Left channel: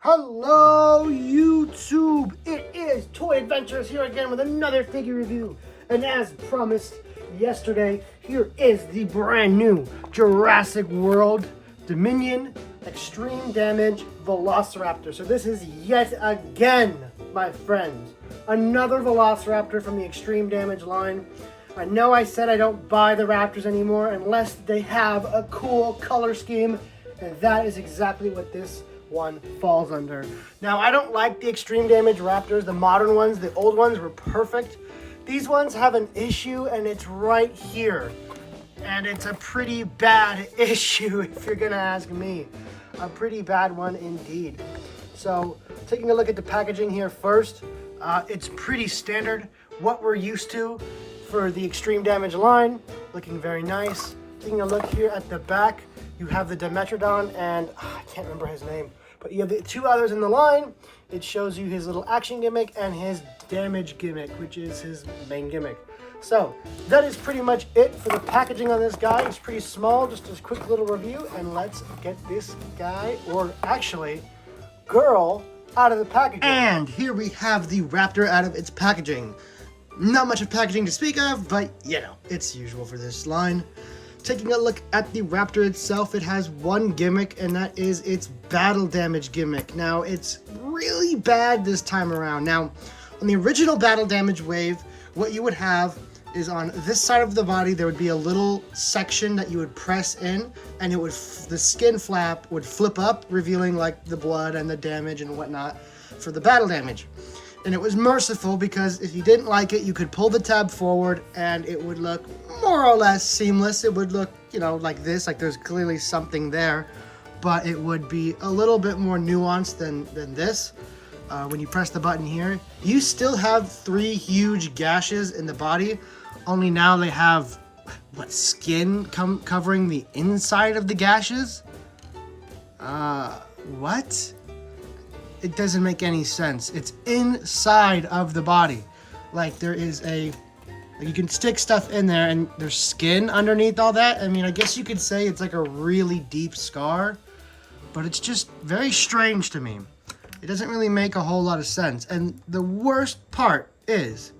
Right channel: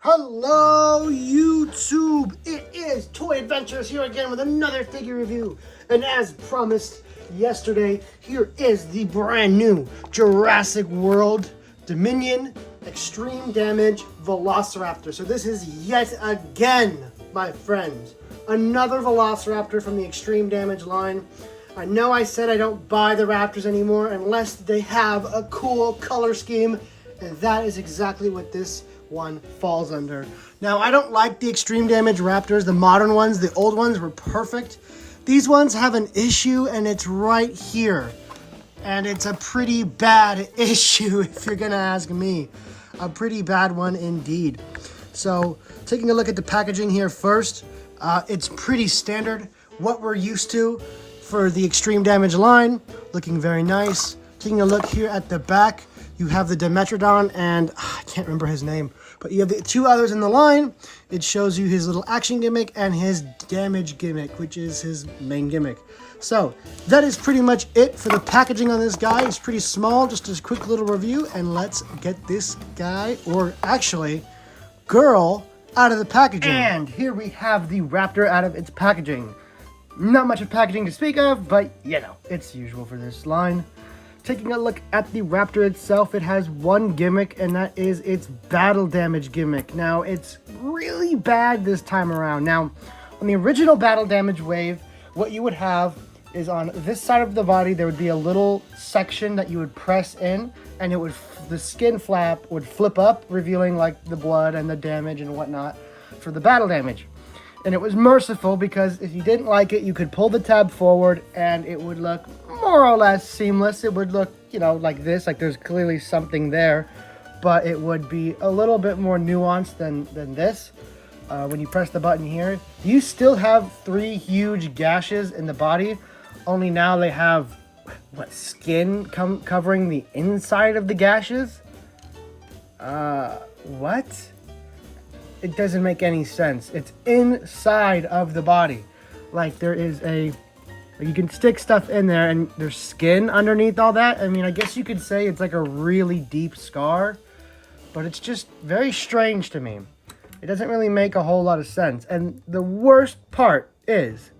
Hello YouTube! It is Toy Adventures here again with another figure review. And as promised yesterday, here is the brand new Jurassic World Dominion Extreme Damage Velociraptor. So this is yet again, my friends, another Velociraptor from the Extreme Damage line. I know I said I don't buy the Raptors anymore unless they have a cool color scheme, and that is exactly what this one falls under. Now, I don't like the Extreme Damage Raptors, the modern ones. The old ones were perfect. These ones have an issue, and it's right here. And it's a pretty bad issue, if you're gonna ask me. A pretty bad one indeed. So, taking a look at the packaging here first, it's pretty standard, what we're used to for the Extreme Damage line. Looking very nice. Taking a look here at the back, you have the Dimetrodon and I can't remember his name, but you have the two others in the line. It shows you his little action gimmick and his damage gimmick, which is his main gimmick. So that is pretty much it for the packaging on this guy. It's pretty small, just a quick little review, and let's get this guy, or actually girl, out of the packaging. And here we have the Raptor out of its packaging. Not much of packaging to speak of, but you know, it's usual for this line. Taking a look at the Raptor itself, it has one gimmick, and that is its battle damage gimmick. Now, it's really bad this time around. Now, on the original battle damage wave, what you would have is on this side of the body, there would be a little section that you would press in, and it would the skin flap would flip up, revealing like the blood and the damage and whatnot for the battle damage. And it was merciful because if you didn't like it, you could pull the tab forward and it would look more or less seamless. It would look, you know, like this, like there's clearly something there, but it would be a little bit more nuanced than this. When you press the button here, you still have three huge gashes in the body, only now they have, what, skin covering the inside of the gashes? What? It doesn't make any sense. It's inside of the body. Like there is you can stick stuff in there and there's skin underneath all that. I mean, I guess you could say it's like a really deep scar, but it's just very strange to me. It doesn't really make a whole lot of sense. And the worst part is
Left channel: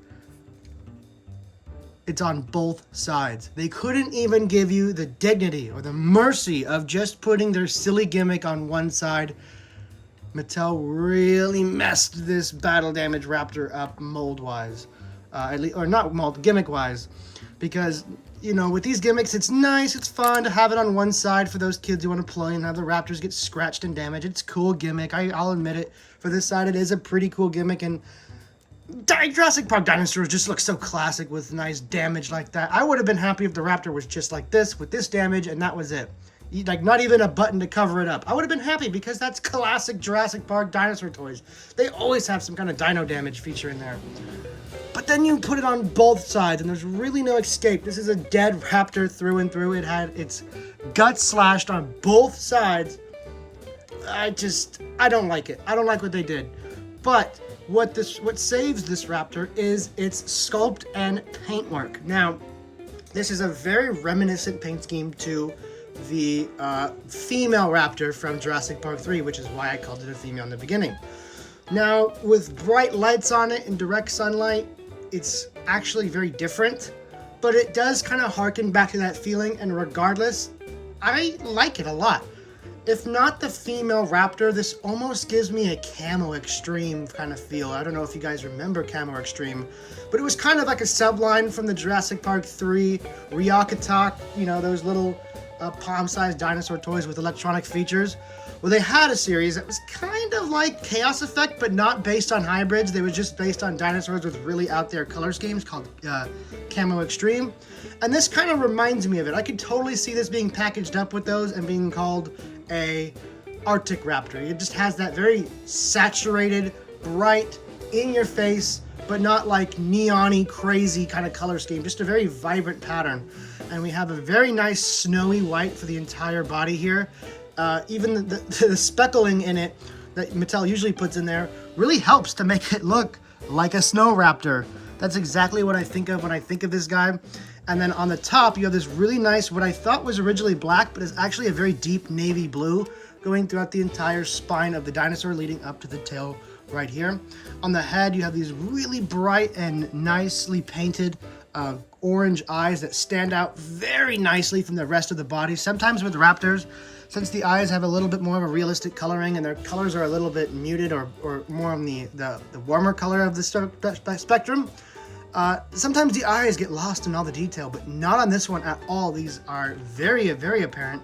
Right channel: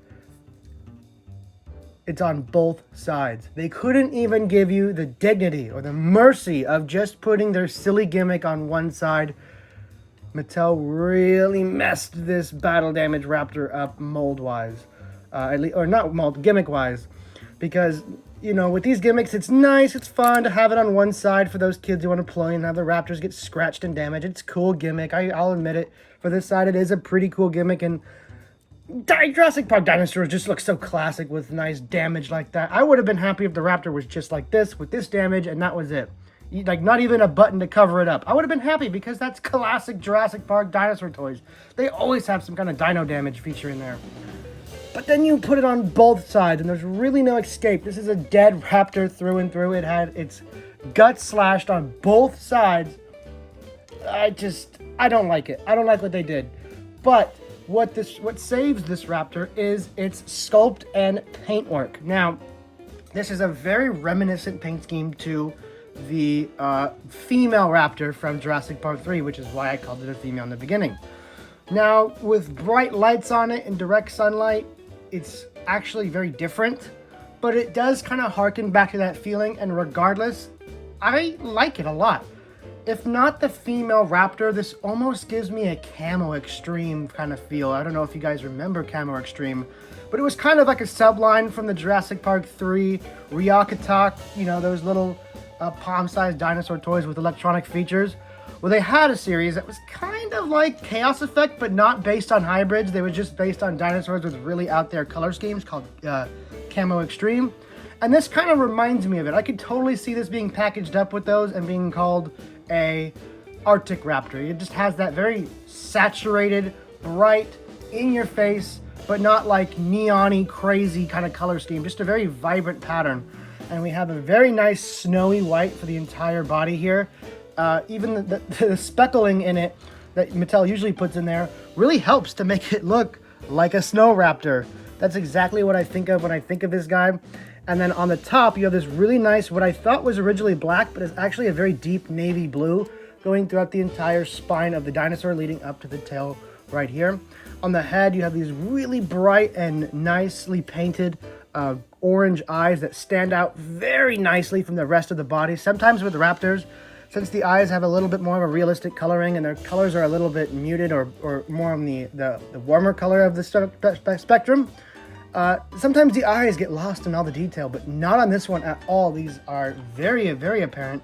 it's on both sides. They couldn't even give you the dignity or the mercy of just putting their silly gimmick on one side. Mattel really messed this battle damage Raptor up mold-wise. Or not mold, gimmick-wise. Because, you know, with these gimmicks, it's nice, it's fun to have it on one side for those kids who want to play and have the Raptors get scratched and damaged. It's a cool gimmick, I'll admit it. For this side, it is a pretty cool gimmick, and Jurassic Park dinosaurs just look so classic with nice damage like that. I would have been happy if the Raptor was just like this, with this damage, and that was it. Like, not even a button to cover it up. I would have been happy because that's classic Jurassic Park dinosaur toys. They always have some kind of dino damage feature in there. But then you put it on both sides, and there's really no escape. This is a dead Raptor through and through. It had its guts slashed on both sides. I don't like it. I don't like what they did. But what saves this Raptor is its sculpt and paintwork. Now, this is a very reminiscent paint scheme to the female Raptor from Jurassic Park 3, which is why I called it a female in the beginning. Now, with bright lights on it and direct sunlight, it's actually very different, but it does kind of harken back to that feeling, and regardless, I like it a lot. If not the female Raptor, this almost gives me a Camo Extreme kind of feel. I don't know if you guys remember Camo Extreme, but it was kind of like a subline from the Jurassic Park 3 Ryakatak, you know, those little palm-sized dinosaur toys with electronic features. Well, they had a series that was kind of like Chaos Effect, but not based on hybrids. They were just based on dinosaurs with really out there color schemes called Camo Extreme. And this kind of reminds me of it. I could totally see this being packaged up with those and being called a Arctic Raptor. It just has that very saturated, bright, in your face, but not like neon-y, crazy kind of color scheme. Just a very vibrant pattern. And we have a very nice snowy white for the entire body here. Even the speckling in it that Mattel usually puts in there really helps to make it look like a snow raptor. That's exactly what I think of when I think of this guy. And then on the top, you have this really nice, what I thought was originally black, but is actually a very deep navy blue going throughout the entire spine of the dinosaur, leading up to the tail right here. On the head, you have these really bright and nicely painted orange eyes that stand out very nicely from the rest of the body. Sometimes with raptors, since the eyes have a little bit more of a realistic coloring and their colors are a little bit muted or more on the warmer color of the spectrum, sometimes the eyes get lost in all the detail, but not on this one at all. These are very, very apparent,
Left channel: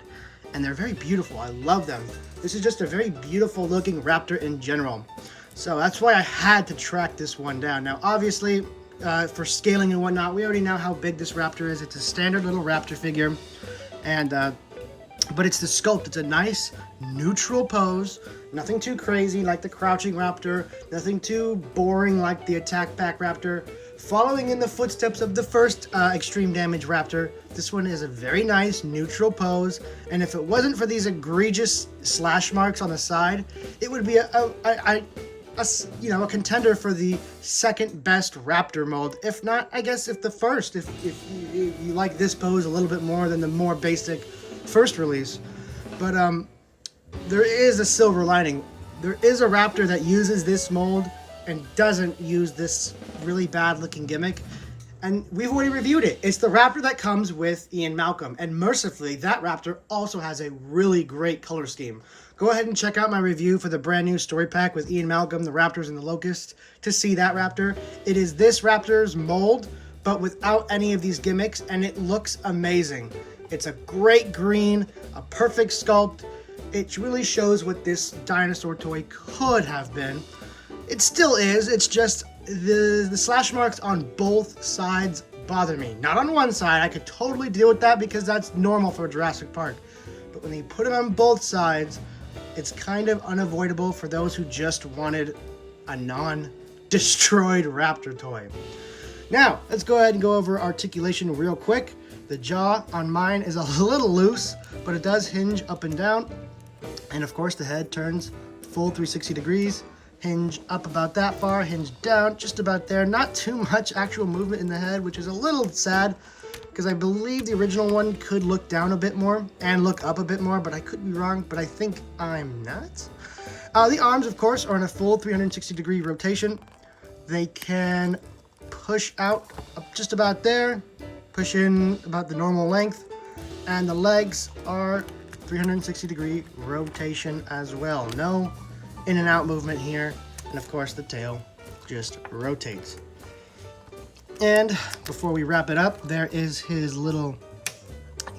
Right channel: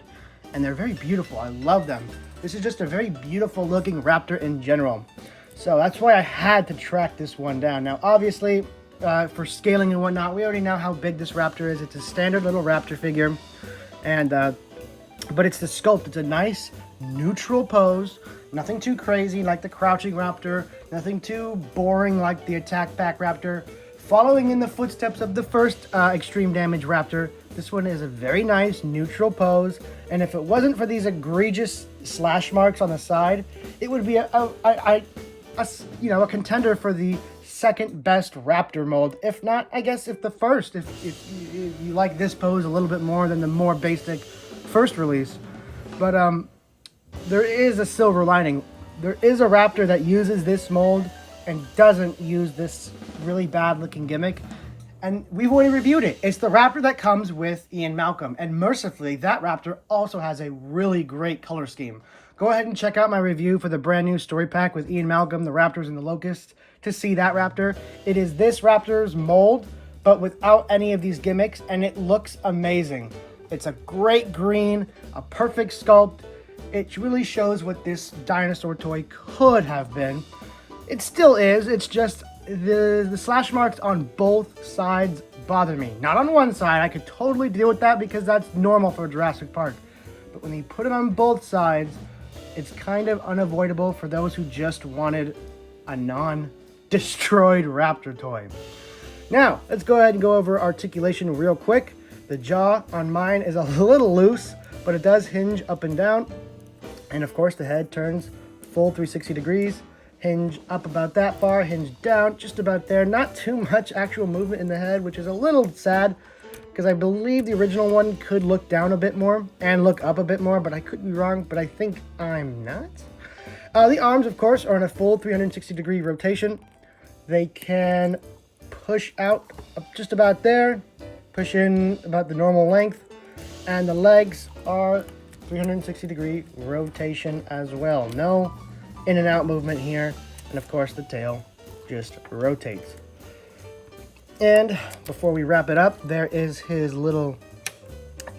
and they're very beautiful. I love them. This is just a very beautiful looking raptor in general. So that's why I had to track this one down. Now, obviously, for scaling and whatnot, we already know how big this raptor is. It's a standard little raptor figure, and but it's the sculpt. It's a nice neutral pose, nothing too crazy like the crouching raptor, nothing too boring like the attack back raptor. Following in the footsteps of the first extreme damage raptor, this one is a very nice neutral pose, and if it wasn't for these egregious slash marks on the side, it would be a contender for the second best raptor mold, if not, I guess, if the first, if you like this pose a little bit more than the more basic first release. But there is a silver lining. There is a raptor that uses this mold and doesn't use this really bad looking gimmick, and we've already reviewed it. It's the raptor that comes with Ian Malcolm, and mercifully that raptor also has a really great color scheme. Go ahead and check out my review for the brand new story pack with Ian Malcolm, the Raptors and the Locusts, to see that raptor. It is this raptor's mold, but without any of these gimmicks, and it looks amazing. It's a great green, a perfect sculpt. It really shows what this dinosaur toy could have been. It still is. It's just the slash marks on both sides bother me. Not on one side. I could totally deal with that because that's normal for Jurassic Park. But when they put it on both sides, it's kind of unavoidable for those who just wanted a non-destroyed raptor toy. Now, let's go ahead and go over articulation real quick. The jaw on mine is a little loose, but it does hinge up and down. And of course, the head turns full 360 degrees. Hinge up about that far, hinge down just about there. Not too much actual movement in the head, which is a little sad because I believe the original one could look down a bit more and look up a bit more, but I could be wrong, but I think I'm not. The arms, of course, are in a full 360 degree rotation. They can push out up just about there, push in about the normal length, and the legs are 360 degree rotation as well. No in and out movement here, and of course the tail just rotates. And before we wrap it up, there is his little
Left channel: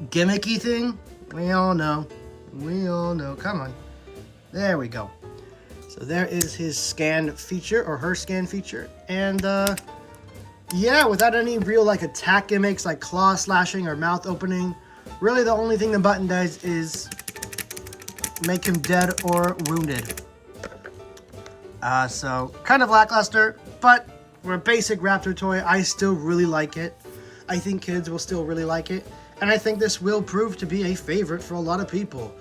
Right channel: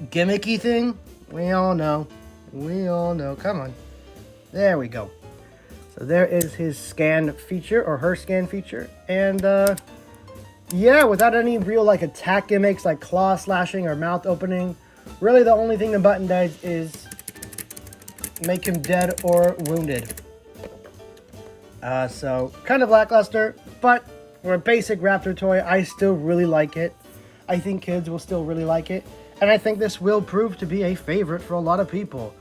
gimmicky thing. We all know, come on, there we go. So there is his scan feature, or her scan feature, and yeah, without any real like attack gimmicks like claw slashing or mouth opening, really the only thing the button does is make him dead or wounded. So kind of lackluster, but for a basic raptor toy, I still really like it. I think kids will still really like it, and I think this will prove to be a favorite for a lot of people.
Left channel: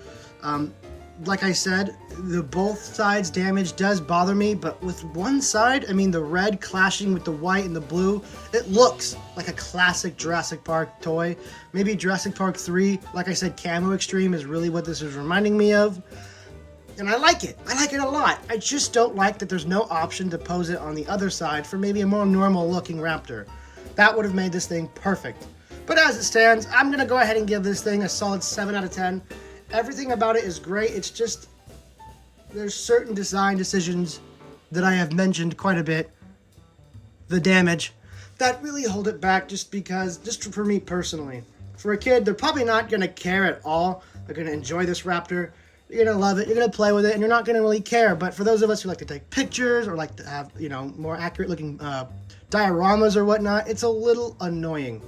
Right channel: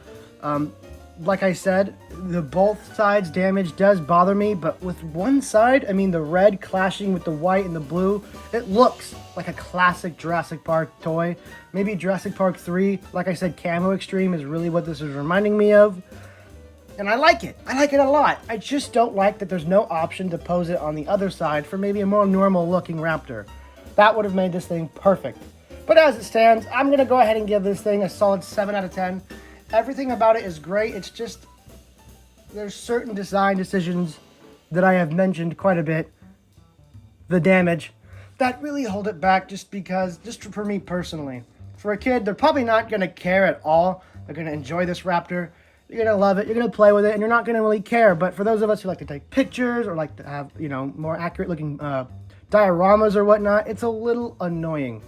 Like I said, the both sides damage does bother me, but with one side, I mean the red clashing with the white and the blue, it looks like a classic Jurassic Park toy. Maybe Jurassic Park 3, like I said, Camo Extreme is really what this is reminding me of. And I like it. I like it a lot. I just don't like that there's no option to pose it on the other side for maybe a more normal looking raptor. That would have made this thing perfect. But as it stands, I'm going to go ahead and give this thing a solid 7 out of 10. Everything about it is great. It's just, there's certain design decisions that I have mentioned quite a bit, the damage, that really hold it back just for me personally. For a kid, they're probably not going to care at all. They're going to enjoy this raptor. You're going to love it, you're going to play with it, and you're not going to really care. But for those of us who like to take pictures or like to have, more accurate looking dioramas or whatnot, it's a little annoying.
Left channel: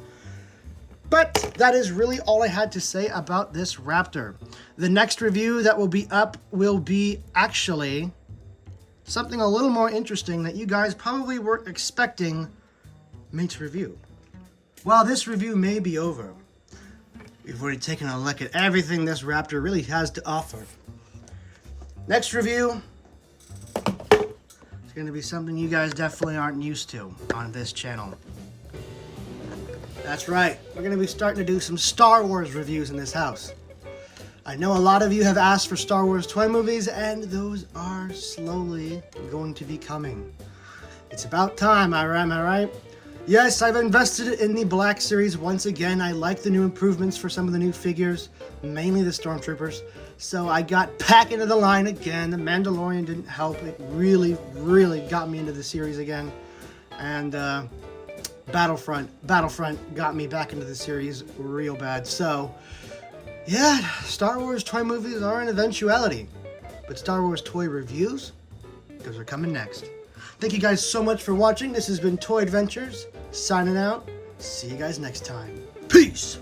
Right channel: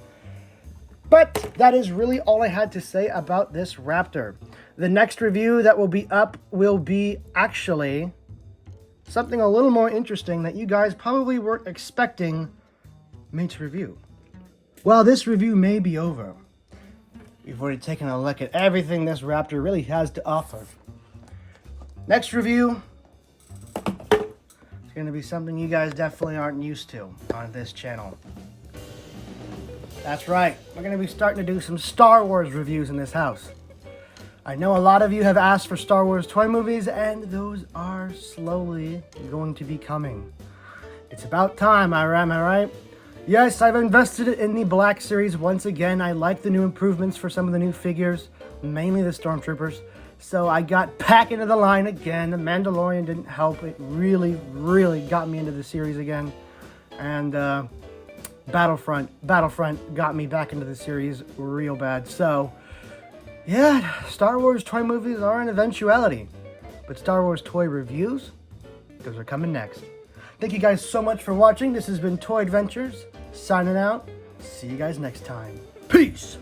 But that is really all I had to say about this raptor. The next review that will be up will be actually something a little more interesting that you guys probably weren't expecting me to review. Well, this review may be over. We've already taken a look at everything this raptor really has to offer. Next review is going to be something you guys definitely aren't used to on this channel. That's right, we're going to be starting to do some Star Wars reviews in this house. I know a lot of you have asked for Star Wars toy movies, and those are slowly going to be coming. It's about time, am I right? Yes, I've invested in the Black Series once again. I like the new improvements for some of the new figures, mainly the Stormtroopers. So I got back into the line again. The Mandalorian didn't help. It really, really got me into the series again. And Battlefront got me back into the series real bad. So, yeah, Star Wars toy movies are an eventuality. But Star Wars toy reviews, those are coming next. Thank you guys so much for watching. This has been Toy Adventures, signing out. See you guys next time. Peace!